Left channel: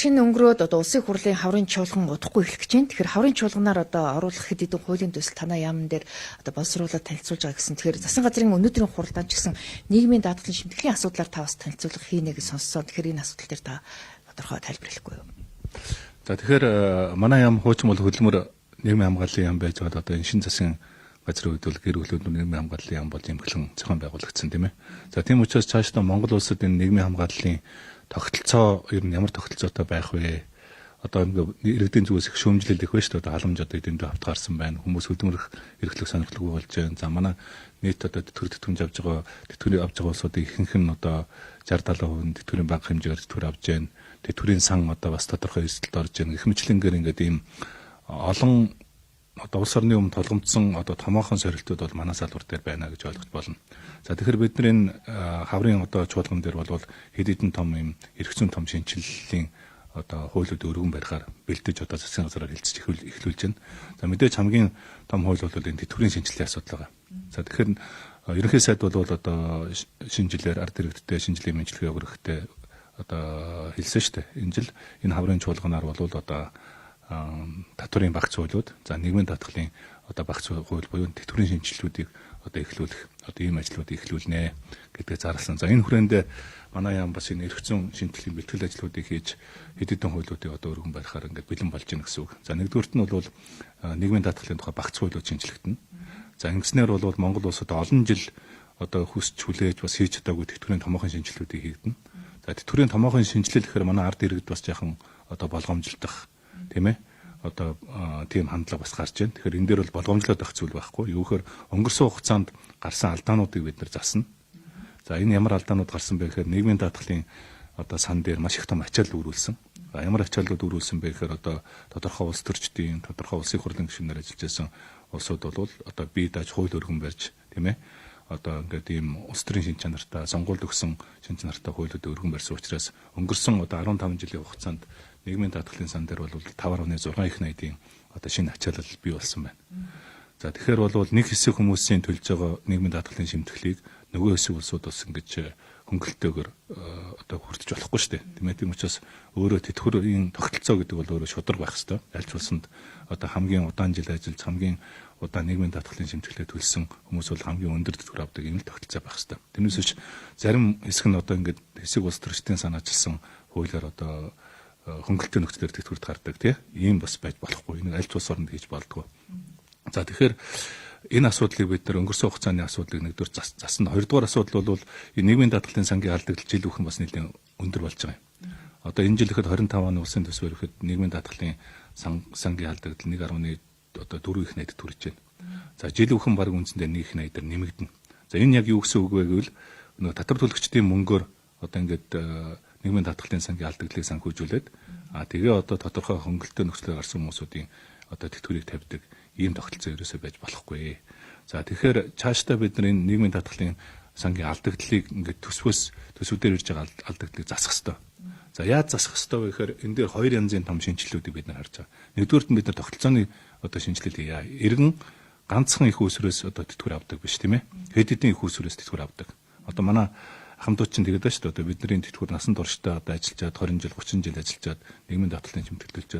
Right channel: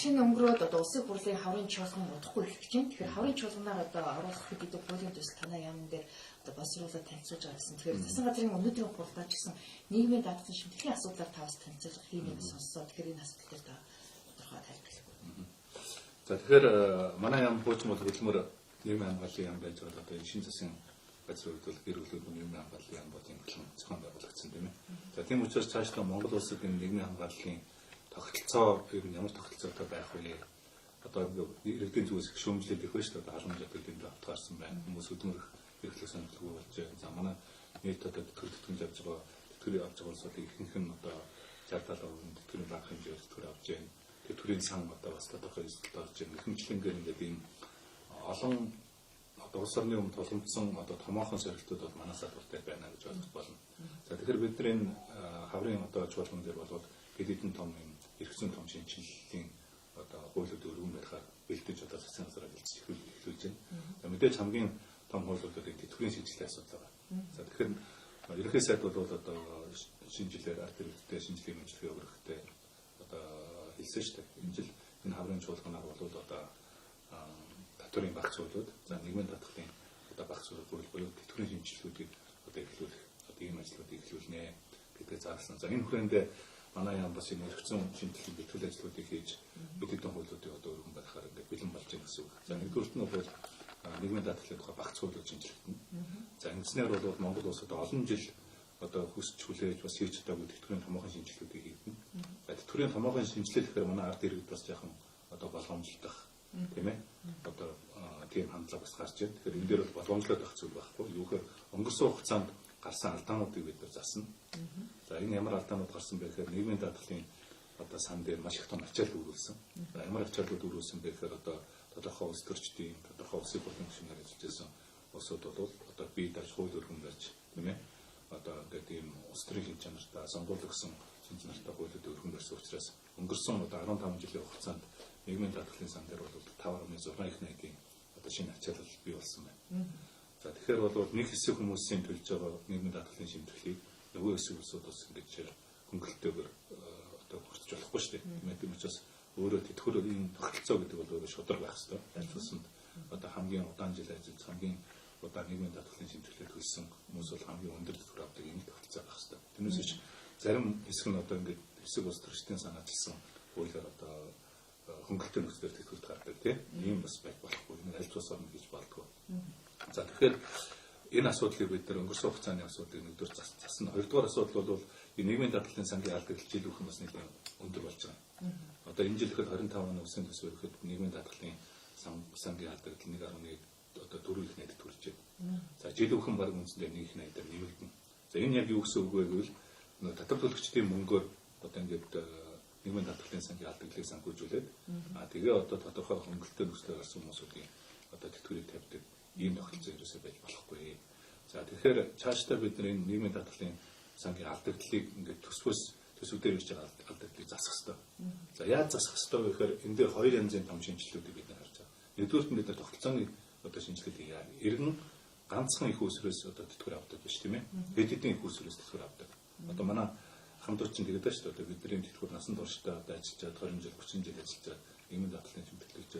шинэ өнгөрөөд одоо улсын хурлын хаврын чуулган удахгүй эхлэх гэж байна. Тэгэхээр хаврын чуулганаар одоо оруулах хэд хэдэн хуулийн төсөл танаа яамн дээр одоо боловсруулаад танилцуулж байгаа гэсэн. Тэгэхээр засгийн газрын өнөөдрийн хуралдаан ч гэсэн нийгмийн даатгалын шимтгэлийн асуудлаар та бас танилцуулга хийнэ гэж сонссоо. Тэгэхээр энэ асуудал дээр та тодорхой тайлбарлахгүй юу? За тэгэхээр манай яам хуучин бол хөдөлмөр нийгмийн хамгааллын яам байж байгаа одоо энэ шинэ засгийн газрын үед бол гэр бүлүүд нийгмийн хамгааллын яам бол эмхлэн зохион байгуулагдсан тийм ээ. За тийм учраас цаашдаа Монгол улсад энэ нийгмийн хамгааллын тогтолцоо ер нь ямар тогтолцоотой байх вэ? Одоо иргэдийн зүгээс их шүүмжлэл их байна шүү дээ. Одоо халамж одоо эдэндээ автгаарсан байна. Хүмүүс хөдөлмөрөх эрхлэх сонирхолгүй болж байна. За манай нийт одоо тэтгэврийн авж байгаа тэтгэврийн авж байгаа улсуудын ихэнх нь одоо 60-70% тэтгэврийн бага хэмжээгээр тэтгэвэр авж байна. Тэтгэврийн сан одоо бас тодорхой эрсдэлд орж байна. Их мэтлэнгээр ингээд ийм олон одоо улс орны өмнө толгомдсон одоо томоохон сорилтууд бол манай салбар дээр байна гэж ойлгож болно. За тэгэхээр бид нар энэ хаврын одоо чуулган дээр бол хэд хэдэн том юм эрх зүйн том шинжилгэлийн одоо хуулиуд өргөн барихаар бэлдэж одоо засгийн газраар хэлцэж эхлүүлж байна. За мэдээж хамгийн том хууль бол энэ тэтгэврийн шинжилгээний асуудал байгаа. За тэгэхээр ерөнхий сайд бол одоо шинжилээр ард иргэдтэй шинжилгээ мэдлэгээ өгөхтэй одоо хэлсэн шүү дээ. Энэ жил энэ хаврын чуулганаар бол одоо татварын багц хуулиуд, за нийгмийн даатгалын одоо багц хууль буюу тэтгэврийн шинжилгүүдийг одоо эхлүүлэх одоо ийм ажлуудыг эхлүүлнэ гэдгээ зарласан. За энэ хүрээнд манай яам бас энэ эрх зүйн шинтгэлийн бэлтгэл ажлуудыг хийж хэд хэдэн хуулиудыг одоо өргөн барихаар ингээд бэлэн болж байна гэсэн үг. За нэгдүгüрт нь бол нийгмийн даатгалын тухай багц хуулиуд шинжлэхдэнэ. За ингэснээр бол Монгол улсад олон жил одоо хүсч хүлээж бас хийж чадаагүй тэтгэврийн томоохон шинжилгүүдийг хийгдэнэ. За тэтгэврийн томоохон шинжилэл гэхээр манай ард иргэд бас яхан одоо болгоомжлох тийм ээ одоо тийм хандлага бас гарч байна. Тэгэхээр энэ дээр бол болгоомжлоод байх зүйл байхгүй. Юу гэхээр өнгөрсөн хугацаанд гарсан алдаануудыг бид нар засна. За энэ ямар алдаанууд гарсан бэ гэхээр нийгмийн даатгалын одоо сан дээр маш их том ачаал үүрүүлсэн. За ямар ачааллууд үүрүүлсэн бэ гэхээр одоо тодорхой улс төрчдийн тодорхой улсын хурлын гишүүнээр ажиллаж байсан улсууд бол одоо бие дааж хууль өргөн барьж тийм ээ одоо ингээд ийм улс төрийн шин чанартай сонгуульд өгсөн шин чанартай хуулиуд өргөн барьсан учраас өнгөрсөн одоо 15 жилийн хугацаанд нийгмийн даатгалын сан дээр бол 5.6 их найдын одоо шинэ ачаалал бий болсон байна. За тэгэхээр бол нэг хэсэг хүмүүсийн төлж байгаа нийгмийн даатгалын шимтгэлийг нөгөө хэсэг улсууд бас ингэж хөнгөлөлтөөр одоо хүртэж болохгүй шүү дээ. Тийм ээ. Тийм учраас өөрөө тэтгэврийн тогтолцоо гэдэг бол өөрөө шударга байх хэрэгтэй. Аль ч улсанд одоо хамгийн удаан жил ажиллаж хамгийн удаан нийгмийн даатгалын шимтгэлээ төлсөн хүмүүс бол хамгийн өндөр тэтгэвэр авдаг юм л тогтолцоо байх хэрэгтэй. Тэрнээс биш зарим хэсэг нь одоо ингэж хэсэг улс төрчдийн санаачилсан хуулиар одоо хөнгөлөлтийн нөхцөлөөр тэтгэврт гардаг тийм ийм бас байж болохгүй. Энэ аль ч улс оронд хийж болдгоо. За тэгэхээр энэ асуудлыг бид нар өнгөрсөн хугацааны асуудлыг нэгдүгээр засна. Хоёрдугаар асуудал бол энэ нийгмийн даатгалын сангийн алдагдал жил бүхэн бас нэлээд өндөр болж байгаа юм. Одоо энэ жил ихэд 25 оны улсын төсвөр ихэд нийгмийн даатгалын сангийн алдагдал 1.1 одоо 4 их найд төрж байна. За жил бүхэн баг үндсэндээ 1 их найдаар нэмэгдэнэ. За энэ яг юу гэсэн үг вэ гэвэл нөгөө татвар төлөгчдийн мөнгөөр одоо ингээд нийгмийн даатгалын сангийн алдагдлыг санхүүжүүлээд тэгээ одоо тодорхой хөнгөлөлтөд нөхцөлөөр гарсан хүмүүсүүдийн одоо тэтгэврийг тавьдаг ийм тогтолцоо ерөөсөө байж болохгүй. За тэгэхээр цаашдаа бид нар энэ нийгмийн даатгалын сангийн алдагдлыг ингээд төсвүүдээр ирж байгаа алдагдлыг засах хэрэгтэй. За яаж засах хэрэгтэй вэ гэхээр энэ дээр хоёр янзын том шинжилгэүүдийг бид нар харж байгаа. Нэгдүгээрт нь бид нар тогтолцооны одоо шинжилгээ хийя. Иргэн ганцхан их усрээс одоо тэтгэвэр авдаг биш тийм ээ. Хэд хэдэн их усрээс тэтгэвэр авдаг. Одоо манай хамтууд чинь тэгээд байна шүү дээ. Одоо бидний тэтгэвэр насан туршдаа одоо ажиллаж 20 жил 30 жил ажиллаж нийгмийн даатгалын шимтгэлүүлж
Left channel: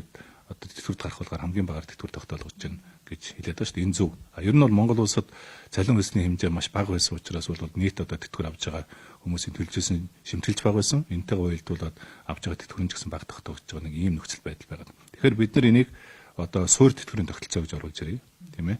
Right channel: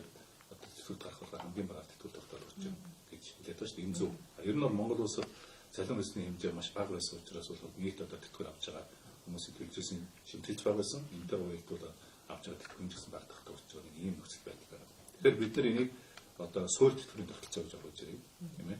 одоо тэтгэврт гарах болохоор хамгийн багаар тэтгэвэр тогтоолгож байна гэж хэлээд байна шүү дээ. Энэ зөв. Ер нь бол Монгол улсад цалин хөлсний хэмжээ маш бага байсан учраас бол нийт одоо тэтгэвэр авж байгаа хүмүүсийн төлжсэн шимтгэлж бага байсан. Энтэйгээ уялдуулаад авж байгаа тэтгэврийн ч гэсэн бага тогтоогдож байгаа нэг ийм нөхцөл байдал байгаа. Тэгэхээр бид нар энийг одоо суур тэтгэврийн тогтолцоо гэж оруулж ирье. Тийм ээ.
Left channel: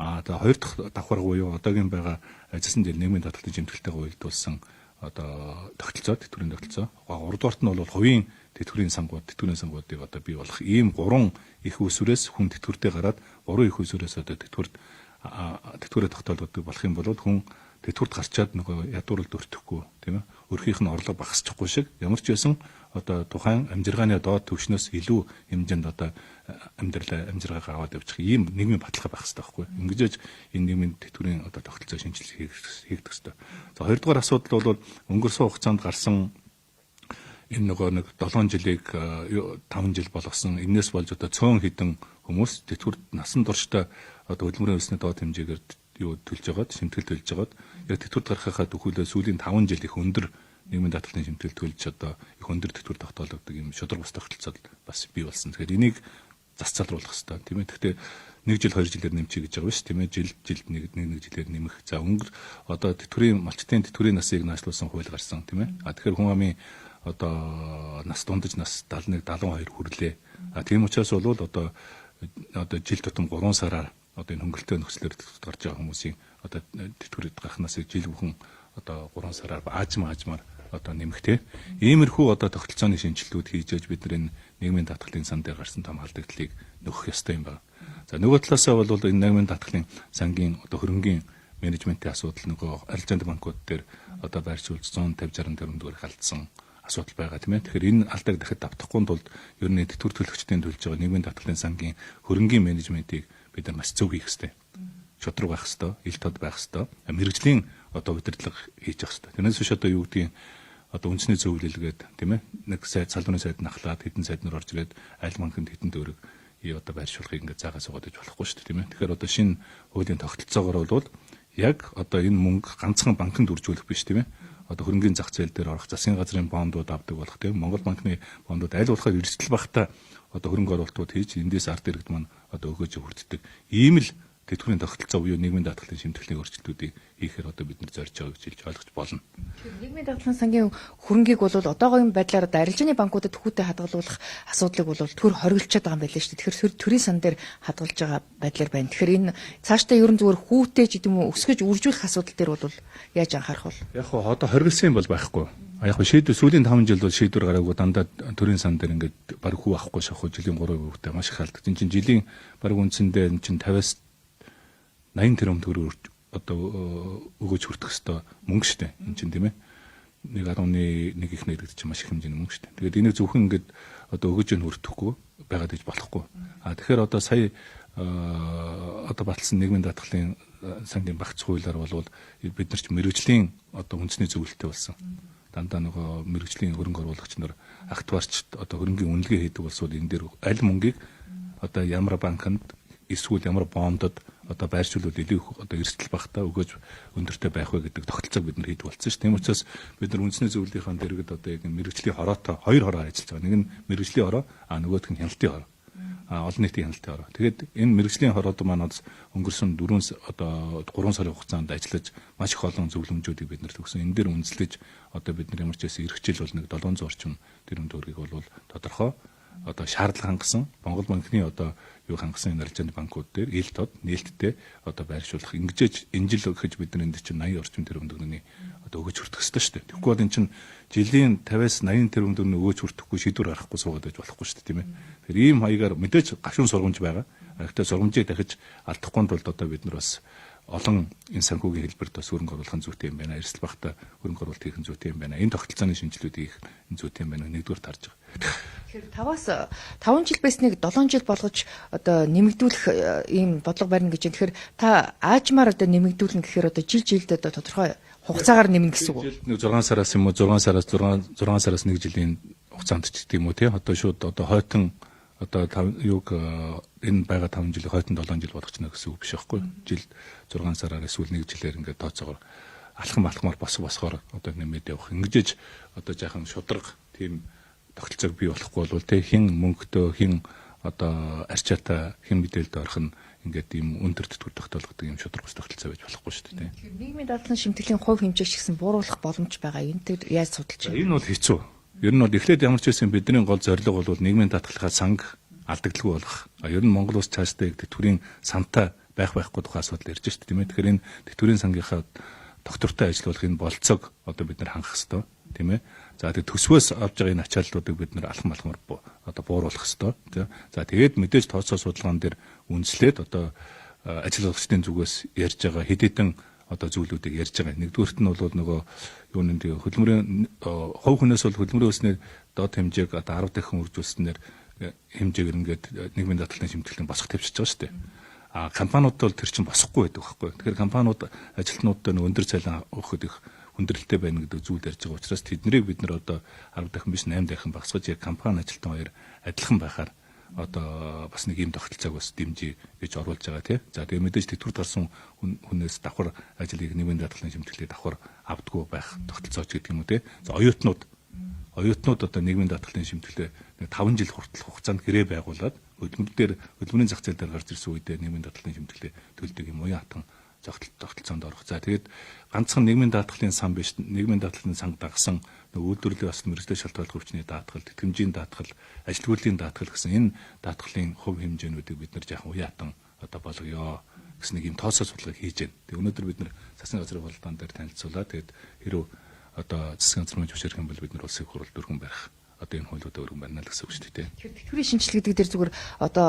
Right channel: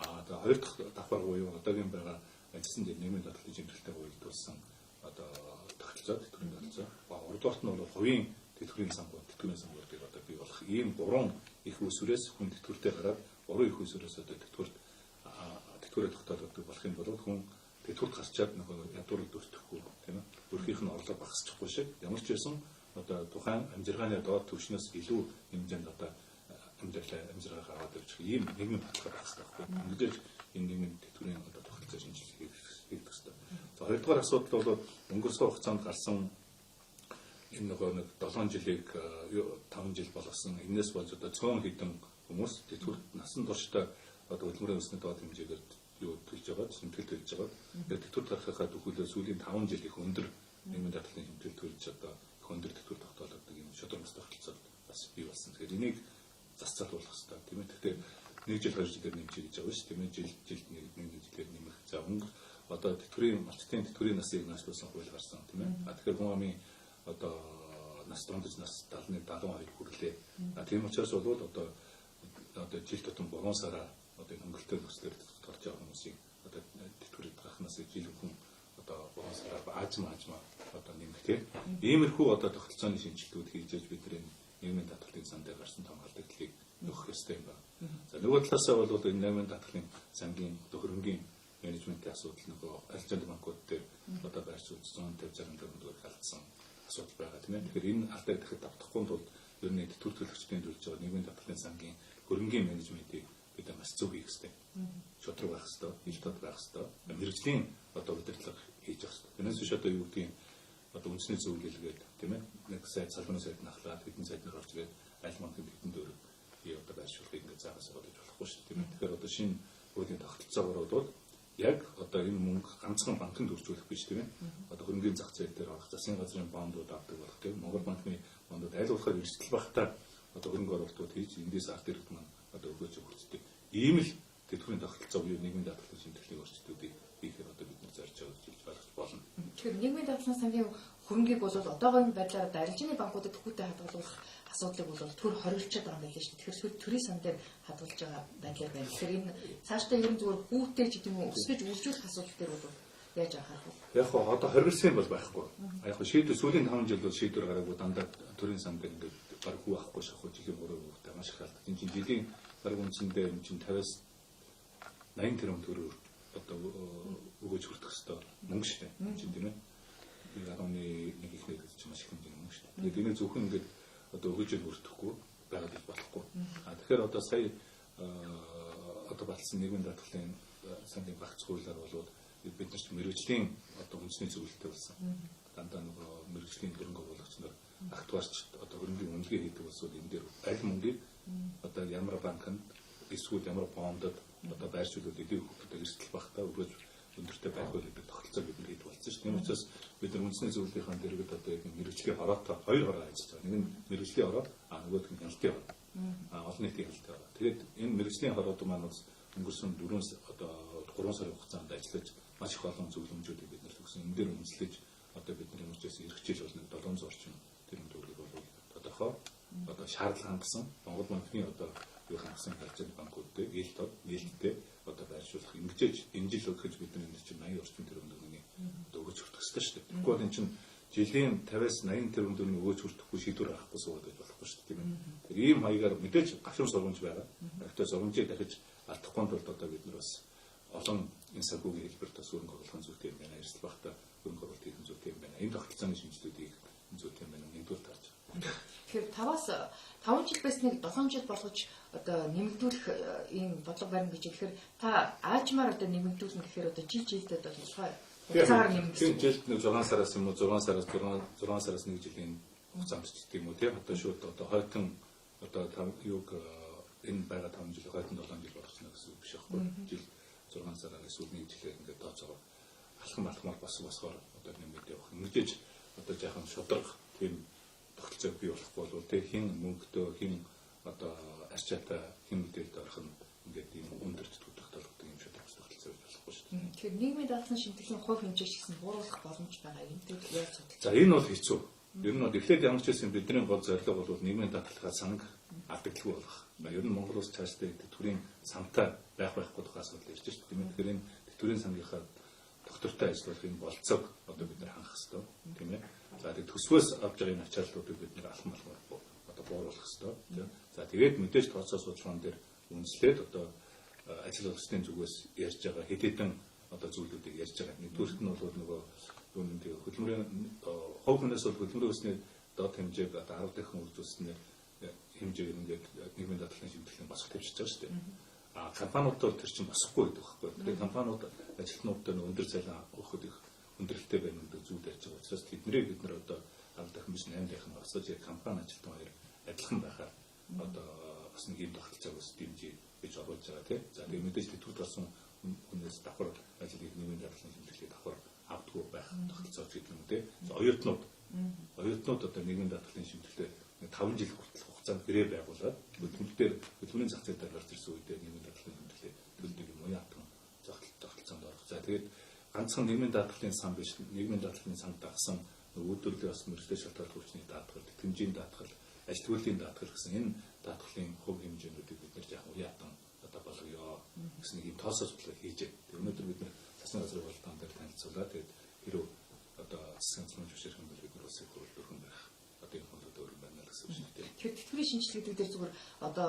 Одоо хоёр дахь давхар буюу одоогийн байгаа ажилсан дээр нийгмийн даатгалын шимтгэлтэйгээ уялдуулсан одоо тогтолцоо тэтгэврийн тогтолцоо. Гуравдугаарт нь бол хувийн тэтгэврийн сангуудыг одоо бий болох ийм 3 их усүрээс хүн тэтгэвртэй гараад 3 их усүрээс одоо тэтгэврээ тогтоолгодог болох юм бол хүн тэтгэврт гарчаад нөгөө ядууралд өртөхгүй тийм ээ. Өрхийнх нь орлого багасчихгүй шиг ямар ч байсан одоо тухайн амжиргааны доод түвшнээс илүү хэмжээнд одоо амжиргаа аваад явчих ийм нийгмийн баталгаа байх хэрэгтэй байхгүй. Ингэж энэ нийгмийн тэтгэврийн одоо тогтолцоо шинжилгээ хийгдэх хэрэгтэй. За хоёрдугаар асуудал бол өнгөрсөн хугацаанд гарсан энэ нөгөө нэг 7 жилийг 5 жил болгосон энэс болж одоо цөөн хідэн хүмүүс тэтгэврт насан туршдаа одоо хөдөлмөрийн өсний доод хэмжээгээр юу төлж байгаад шимтгэл төлж байгаад яг тэтгэврт гарахаа төхөөлөө сүүлийн 5 жил их өндөр нийгмийн даатгалын шимтгэл төлж одоо их өндөр тэтгэвэр тогтоолгодог юм шудраг бус тогтолцоод бас бий болсон. Тэгэхээр энийг зас залруулах хэрэгтэй тийм ээ. Гэхдээ 1 жил 2 жилээр нэмчих гэж байгаа биш тийм ээ. Жилд нэг жилээр нэмэх. За өнгөр одоо малчтын тэтгэврийн насыг наашлуулсан хууль гарсан тийм ээ. Тэгэхээр хүн амын одоо нас дундаж нас 71 72 хүрлээ. Тийм учраас бол одоо жил тутам 3 сараар одоо энэ хөнгөлөлтөө нөхцлөөр гарч байгаа хүмүүсийн одоо тэтгэврийн гарах насыг жил бүхэн одоо 3 сараар аажмаар одоо нэмэхтэй. Иймэрхүү одоо тогтолцооны шинжилгүүд хийж ээж бид энэ нийгмийн даатгалын сан дээр гарсан том алдагдлыг нөхөх ёстой юм байна. За нөгөө талаасаа бол энэ нийгмийн даатгалын сангийн одоо хөрөнгийн менежментийн асуудал нөгөө арилжааны банкуд дээр одоо байршуулж 150 60 төгрөгөөр халдсан асуудал байгаа тийм ээ. Тэгэхээр энэ алдааг дахиад давтахгүй тулд ер нь тэтгэвэр төлөгчдийн төлж байгаа нийгмийн даатгалын сангийн хөрөнгийн менежментийг бид нар маш зөв хийх ёстой. Шудраг байх ёстой, ил тод байх ёстой. Мэргэжлийн одоо удирдлага хийж явах ёстой. Тэрнээс биш одоо юу гэдгийг одоо үндэсний зөвлөлгээд тийм ээ нэг салбарын сайд нахлаад хэдэн сайд нар орж ирээд айл банкнд хэдэн төгрөг одоо байршуулахыг ингээд заагаа суугаад иж болохгүй шүү дээ тийм ээ. Тэгэхээр одоо шинэ хуулийн тогтолцоогоор бол яг одоо энэ мөнгө ганцхан банкнд үржүүлэх биш тийм ээ. Одоо хөрөнгөний зах зээл дээр орох засгийн газрын бондууд авдаг болох тийм Монгол банкны бондууд аль болоход эрсдэл багтаа одоо хөрөнгө оруулалтууд хийж эндээс ард иргэд маань одоо өгөөж хүртдэг. Ийм л тэтгэврийн тогтолцоо буюу нийгмийн даатгалын шимтгэлийн өөрчлөлтүүдийг хийхээр одоо бид нар зорж байгаа гэж хэлж ойлгож болно. Тэгэхээр нийгмийн даатгалын сангийн хөрөнгийг бол одоогийн байдлаар арилжааны банкудад төхүүтэй хадгалуулах асуудлыг бол төр хориглчаад байгаа юм байна шүү дээ. Тэгэхээр төрийн сан дээр хадгалж байгаа байдлаар байна. Тэгэхээр энэ цаашдаа ерөн зүгээр хүүтэй ч гэдэм үү өсгөж үржүүлэх асуудал дээр бол яаж анхаарах вэ? Яг хоо одоо хориглосон юм бол байхгүй. Яг хоо шийдвэр сүүлийн 5 жил бол шийдвэр гараагүй дандаа төрийн сан дээр ингээд баг хүү авахгүй шахуу жилийн 3 хүүтэй маш их халддаг. Энэ чинь жилийн баг үндсэндээ энэ чинь 50-аас 80 тэрбум төгрөг одоо өгөөж хүртэх хэвээр мөнгө шүү дээ. Энэ чинь тийм ээ. 1.1 их нэгдэж чинь маш их хэмжээний мөнгө шүү дээ. Тэгээд энийг зөвхөн ингээд одоо өгөөж нь хүртэхгүй байгаад иж болохгүй. Тэгэхээр одоо сая одоо батлсан нийгмийн даатгалын сангийн багц хуулиар бол бид нар ч мэрэгжлийн одоо үндэсний зөвлөлттэй болсон. Дандаа нөгөө мэрэгжлийн хөрөнгө оруулагч нар актуарч одоо хөрөнгийн үнэлгээ хийдэг болсууд энэ дээр аль мөнгийг одоо ямар банкнд эсвэл ямар бондод одоо байршуулбал илүү одоо эрсдэл багтаа өгөөж өндөртэй байх вэ гэдэг тогтолцоог бид нар хийдэг болсон шүү. Тийм учраас бид нар үндэсний зөвлөлтийн дэргэд одоо яг мэрэгжлийн хороотой хоёр хороо ажиллаж байгаа. Нэг нь мэрэгжлийн хороо, нөгөөх нь хяналтын хороо. Олон нийтийн хяналтын хороо. Тэгээд энэ мэрэгжлийн хороод маань өнгөрсөн 3 сарын хугацаанд ажиллаж маш их олон зөвлөмжүүдийг бид нар төгсөн. Энэ дээр үндэслэж одоо бид нар ямар ч байсан эрхчил бол нэг 700 орчим тэрбум төгрөгийг бол тодорхой одоо шаардлага хангасан Монгол банкны одоо юу хангасан арилжааны банкуд дээр ил тод нээлттэй одоо байршуулах ингэж энэ жил өгөж бид нар энд чинь 80 орчим тэрбум төгрөгийн одоо өгөж хүртэх ёстой шүү дээ. Тэгэхгүй бол энэ чинь жилийн 50-аас 80 тэрбум төгрөгийн өгөөж хүртэхгүй шийдвэр гаргахгүй суугаад байж болохгүй шүү дээ тийм ээ. Тэгэхээр ийм хаягаар мэдээж гашуун сургамж байгаа. Гэхдээ сургамжийг дахиж алдахгүй тулд одоо бид нар бас олон энэ санхүүгийн хэлбэрт бас хөрөнгө оруулахын зүйтэй юм байна. Эрсдэл багтаа хөрөнгө оруулалт хийх зүйтэй юм байна. Энэ тогтолцооны шинжилгүүдийг хийх зүйтэй юм байна. Нэгдүгээр тарж байгаа. Тэгэхээр 5 жил байсныг 7 жил болгож одоо нэмэгдүүлэх ийм бодлого барина гэж байна. Тэгэхээр та аажмаар одоо нэмэгдүүлнэ гэхээр одоо жилд одоо тодорхой хугацаагаар нэмнэ гэсэн үг. Жилд 6 сараас юм уу 6 сараас 1 жилийн хугацаанд ч гэдэг юм уу тий. Одоо шууд одоо хойтон одоо энэ байгаа 5 жилийн хойтон 7 жил болгочно гэсэн үг биш байхгүй. Жилд 6 сараар эсвэл 1 жилээр ингээд тооцоогоор алхмаар босгоор одоо нэмээд явах. Ингэж одоо жаахан шудраг тийм тогтолцоог бий болохгүй бол тий хин мөнгөтэй хин одоо арчаатай хин мэдээлэлд орох нь ингээд ийм өндөр тэтгэвэр тогтоолгодог ийм шудраг ус тогтолцоо байж болохгүй шүү дээ. Тэгэхээр нийгмийн даатгалын шимтгэлийн хувь хэмжээг гэсэн бууруулах боломж байгаа. Энэтэй яаж судалж байна? Энэ бол хэцүү. Ер нь бол эхлээд ямар ч байсан бидний гол зорилго бол нийгмийн даатгалынхаа санг алдагдaltaгүй болох. Ер нь Монгол улс цаашдаа тэтгэврийн сантай байхгүй тухай асуудал ярьж шүү дээ тийм ээ. Тэгэхээр энэ тэтгэврийн сангийнхаа доктортой ажиллуулах энэ болцоог одоо бид нар хангах хэрэгтэй тийм ээ. За тэгээд төсвөөс авж байгаа энэ ачааллуудыг бид нар алхам одоо бууруулах хэрэгтэй тийм. За тэгээд мэдээж тооцоо судалгаан дээр үндэслээд одоо ажиллагчдын зүгээс ярьж байгаа хэд хэдэн одоо зүйлүүдийг ярьж байгаа. Нэгдүгüрт нь бол нөгөө юу нэг хөдөлмөрийн хувь хүнээс бол хөдөлмөрийн өснөө доод хэмжээг одоо 10 дахин үржүүлснээр хэмжээгээр ингээд нийгмийн даатгалын шимтгэлийн босгох тавьчихж байгаа шүү дээ. Компаниуд бол тэр чинь босохгүй байдаг байхгүй. Тэгэхээр компаниуд ажилтнуудад өндөр цалин өгөхөд их хүндрэлтэй байна гэдэг зүйл ярьж байгаа учраас тэднийг бид нар одоо 10 дахин биш 8 дахин багасгаж яг компани ажилтан хоёр адилхан байхаар одоо бас нэг юм тогтолцоог бас дэмжиж гэж оруулж байгаа тий. За тэгээ мэдээж тэтгэврт гарсан хүнээс давхар ажлыг нийгмийн даатгалын шимтгэлийг давхар авдаггүй байх тогтолцооч гэдэг юм уу тий. За оюутнууд Оюутнууд одоо нийгмийн даатгалын шимтгэлээ 5 жил хүртэл хугацаанд гэрээ байгуулад хөдөлмөрийн зах зээл дээр гарч ирсэн үедээ нийгмийн даатгалын шимтгэлээ төлдөг юм уу хатан тогтолцоонд орох. За тэгээд ганцхан нийгмийн даатгалын сан биш, нийгмийн даатгалын сан дагсан үйлдвэрлэлийн бас мэргэжлийн шалтгааллах хүчний даатгал, тэтгэмжийн даатгал, ажилтгуулийн даатгал гэсэн энэ даатгалын хувь хэмжээнүүдийг бид нар жаахан уяатан одоо болгоё гэсэн нэг юм тооцоо судалгаа хийж байна. Тэгээ өнөөдөр бид нар засгийн газрын бололтоон дээр танилцуулаад тэгээд хэрэв одоо засгийн газрын зөвшөөрөх юм бол бид нар улсын хурлд өргөн барих одоо энэ хуулиудаа өргөн барина л гэсэн үг шүү дээ. Тэгэхээр тэтгэврийн шинжилгээ гэдэг дээр зүгээр одоо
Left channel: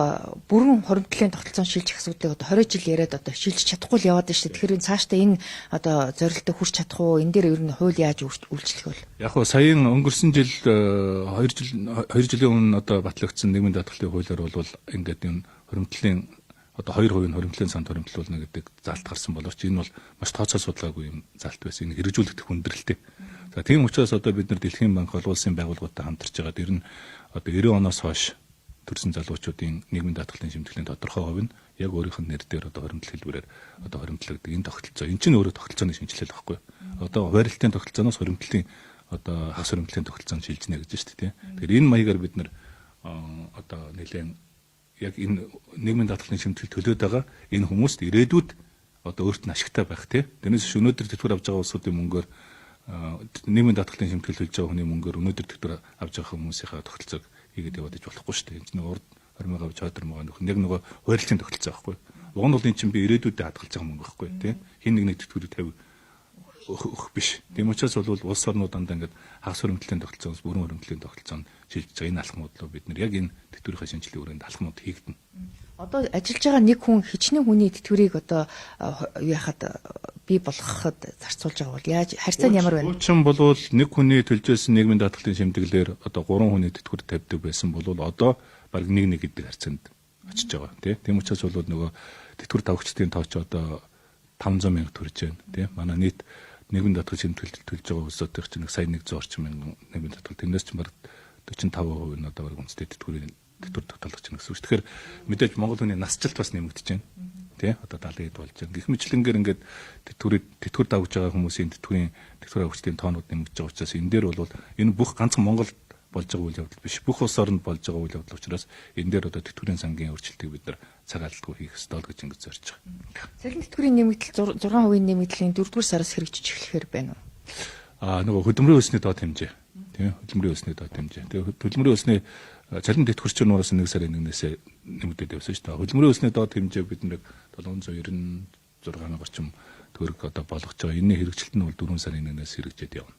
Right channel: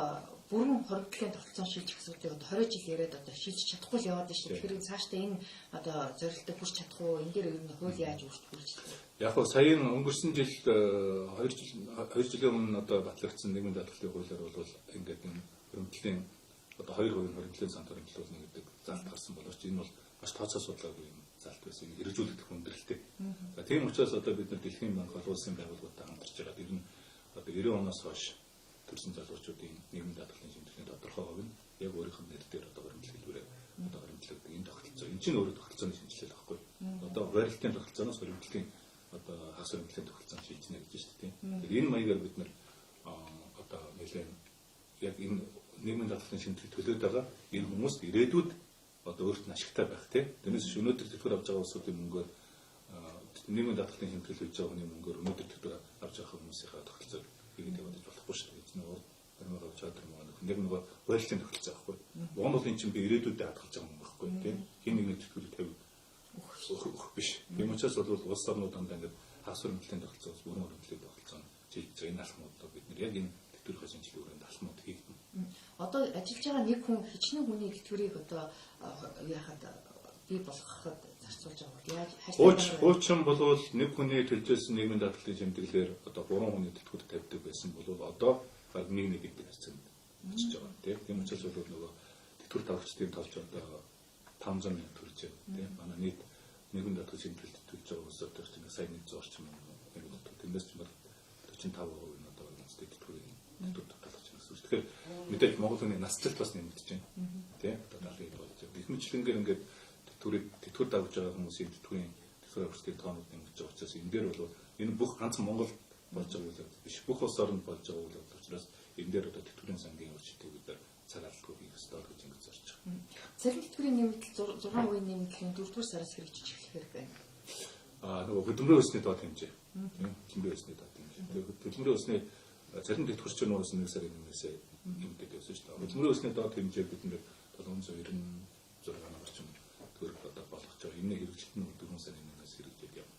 бүрэн хуримтлалын тогтолцоон шилжих асуудлыг одоо 20 жил яриад одоо шилжиж чадахгүй л яваад байна шүү дээ. Тэгэхээр цаашдаа энэ одоо зорилттой хүрч чадах уу? Энэ дээр ер нь хууль яаж үйлчлэх вэ? Яг хөө саяын өнгөрсөн жил 2 жилийн өмнө одоо батлагдсан нийгмийн даатгалын хуулиар бол ингээд энэ хуримтлалын одоо 2% нь хуримтлалын санд хуримтлуулна гэдэг залт гарсан боловч энэ бол маш тооцоо судалгаагүй юм залт байсан. Энэ хэрэгжүүлэгдэх хүндрэлтэй. За тийм учраас одоо бид нар Дэлхийн банк олон улсын байгууллагуудтай хамтарч байгаа. Тэр нь одоо 90 оноос хойш төрсэн залуучуудын нийгмийн даатгалын шимтгэлийн тодорхой хувь нь яг өөрийнх нь нэр дээр одоо хуримтлал хэлбэрээр одоо хуримтлагддаг энэ тогтолцоо. Энэ чинь өөрөө тогтолцооны шинжилэл байхгүй. Одоо хуваарлтын тогтолцооноос хуримтлалын одоо хагас хуримтлалын тогтолцоонд шилжнэ гэж байна шүү дээ. Тэгэхээр энэ маягаар бид нар одоо нэлээд яг энэ нийгмийн даатгалын шимтгэл төлөөд байгаа энэ хүмүүст ирээдүйд одоо өөрт нь ашигтай байх тийм. Тэрнээс биш өнөөдөр тэтгэвэр авч байгаа улсуудын мөнгөөр нийгмийн даатгалын шимтгэл төлж байгаа хүний мөнгөөр өнөөдөр тэтгэвэр авч байгаа хүмүүсийнхээ тогтолцоог хийгээд яваад иж болохгүй шүү дээ. Энэ чинь урд хормыг авч чадвар мага нөх нэг нөгөө хуваарлтын тогтолцоо байхгүй. Уг нь бол энэ чинь би ирээдүйдээ хадгалж байгаа мөнгө байхгүй тийм. Хин нэг тэтгэвэр 50 өгөх биш. Тийм учраас бол улс орнууд дандаа ингээд хагас хуримтлалын тогтолцоос бүрэн хуримтлалын тогтолцоонд шилжиж байгаа энэ алхмууд руу бид нар яг энэ тэтгэврийн шинжилгээ өрөөнд алхмууд хийгдэнэ. Одоо ажиллаж байгаа нэг хүн хичнээн хүний тэтгэврийг одоо яахад бий болгоход зарцуулж байгаа бол яаж харьцаа нь ямар байна? Уучин болвол нэг хүний төлжсэн нийгмийн даатгалын шимтгэлээр одоо 3 хүний тэтгэвэр тавьдаг байсан бол одоо баг 1 гэдэг харьцаанд очиж байгаа тийм учраас бол нөгөө тэтгэвэр тавгчдын тооч одоо 500 мянга төрж байна тийм манай нийт нийгмийн даатгалын шимтгэлд төлж байгаа улсуудын чинь сая 100 орчим мянган нийгмийн даатгал тэрнээс чинь баг 45% нь одоо үндэсний тэтгэврийн тэтгэвэр тогтоолгож байна гэсэн үг. Тэгэхээр мэдээж Монгол хүний насжилт бас нэмэгдэж байна. Тэ одоо 70 хэд болж байна. Гэх мэтлэнгээр ингээд тэтгэвэр давж байгаа хүмүүсийн тэтгэвэр авагчдын тоонууд нэмэгдэж байгаа учраас энэ дээр бол энэ бүх ганцхан Монголд болж байгаа үйл явдал биш. Бүх улс оронд болж байгаа үйл явдал учраас энэ дээр одоо тэтгэврийн сангийн өөрчлөлтийг бид нар цаг алдалгүй хийх ёстой л гэж ингэж зорж байгаа. Цалин тэтгэврийн нэмэгдэл 6% нэмэгдлийн 4-р сараас хэрэгжиж эхлэхээр байна уу? Нөгөө хөдөлмөрийн өсний доод хэмжээ. Тийм хөдөлмөрийн өсний доод хэмжээ. Тэгээ хөдөлмөрийн өсний цалин тэтгэврч нураас 1 сарын 1-ээс нэмэгдээд явсан шүү дээ. Хөдөлмөрийн өсний доод хэмжээ бид нэг 796 орчим төгрөг одоо болгож байгаа. Энэний хэрэгжилт нь бол 4 сарын 1-ээс хэрэгжээд явна.